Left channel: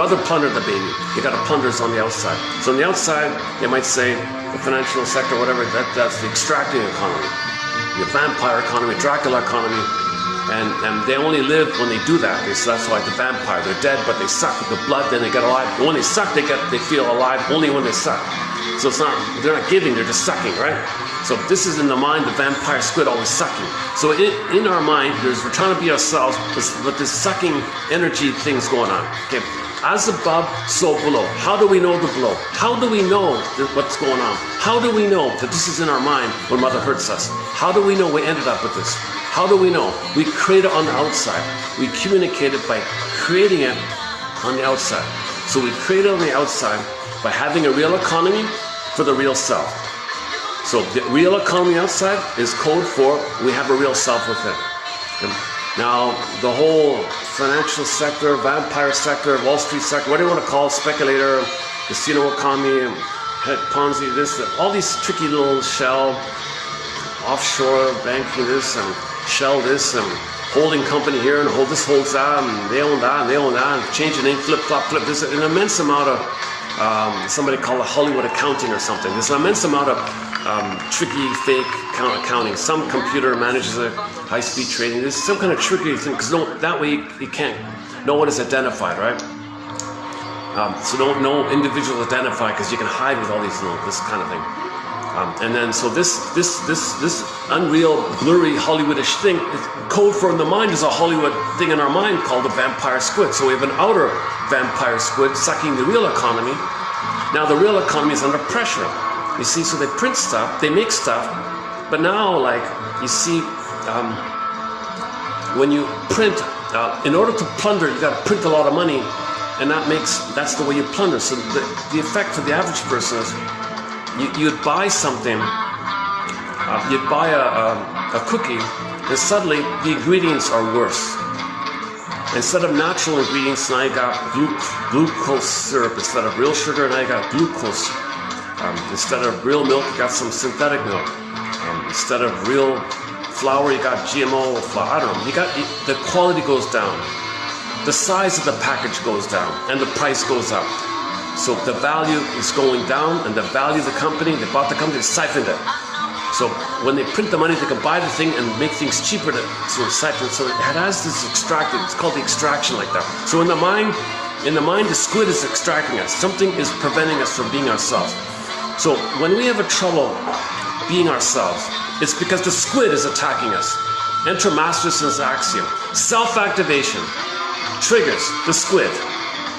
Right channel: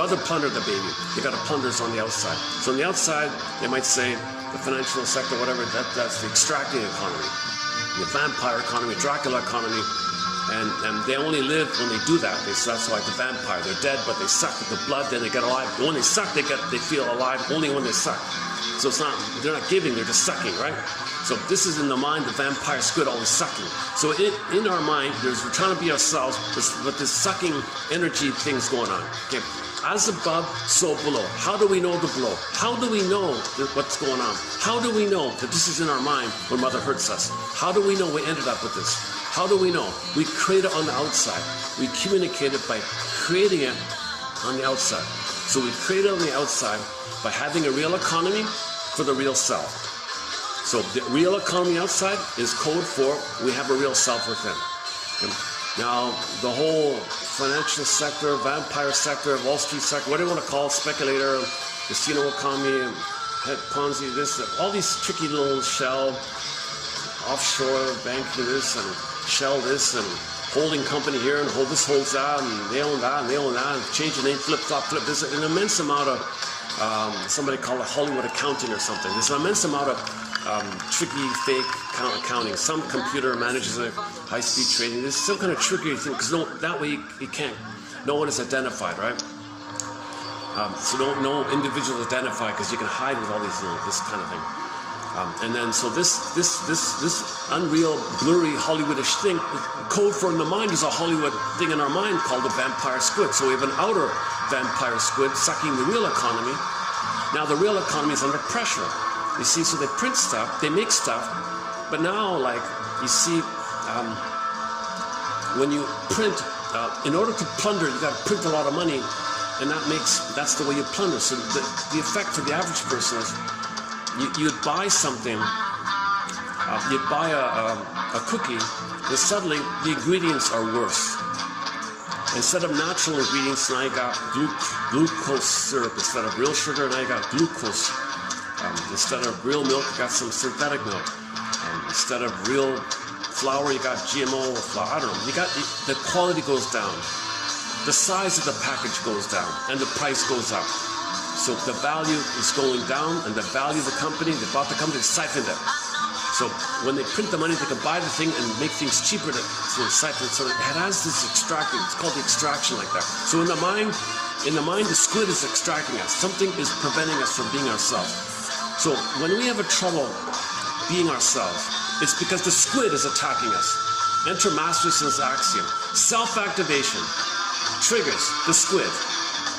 Mother plundered the baby. You got to plunders on the outside. So on the outside, they might say the financial sector, whatever, that's the extracting economy. The vampire economy, Dracula economy. And they only live when they do that. So that's like the vampire. They're dead, but they suck the blood, then they get alive. And when they suck, they feel alive only when they suck. So it's not, they're not giving, they're just sucking, right? So this is in the mind, the vampire squid always sucking. So in our mind, we're trying to be ourselves, but this sucking energy thing's going on. Okay, as above, so below. How do we know the below? How do we know what's going on? How do we know that this is in our mind when Mother hurts us? How do we know we ended up with this? How do we know? We create it on the outside. We communicate it by creating it on the outside. So we create it on the outside by having a real economy for the real self. So the real economy outside is code for we have a real self within. Now, the whole financial sector, vampire sector, Wall Street sector, whatever you want to call it, speculator, casino economy, Ponzi, this, all these tricky little shell, offshore banking this, and shell this, and holding company here, and this holds that, and they own that, and they own that, and change the name, flip, flop, flip. There's an immense amount of, somebody called it Hollywood accounting or something. There's an immense amount of tricky, fake accounting. Some computer manages a high-speed trading. There's some kind of tricky thing, because that way you can't, no one is identified, right? So no individual is identified, because you can hide with all these little, this kind of thing. And then so this unreal, blurry, Hollywoodish thing, code for in the mind is a Hollywood thing in our mind called the vampire squid. So we have an outer vampire squid sucking the real economy. Now the real economy is under pressure. You see, so they print stuff, they make stuff, but now, like, you see, when you print, in order to plunder, you got to print a lot of money, and that's the way you plunder. So the effect for the average person is, you'd buy something, you'd buy a cookie, and suddenly the ingredients are worse. Instead of natural ingredients, now you got glucose syrup. Instead of real sugar, now you got glucose. Instead of real milk, you got some synthetic milk. Instead of real flour, you got GMO flour. I don't know. The quality goes down. The size of the package goes down, and the price goes up. So the value is going down, and the value of the company, they bought the company, siphoned it. So when they print the money, they can buy the thing and make things cheaper to siphon it. So it has this extracting. It's called the extraction like that. So in the mind, the squid is extracting us. Something is preventing us from being ourselves. So when we have a trouble being ourselves, it's because the squid is attacking us. Enter Masterson's axiom. Self-activation triggers the squid.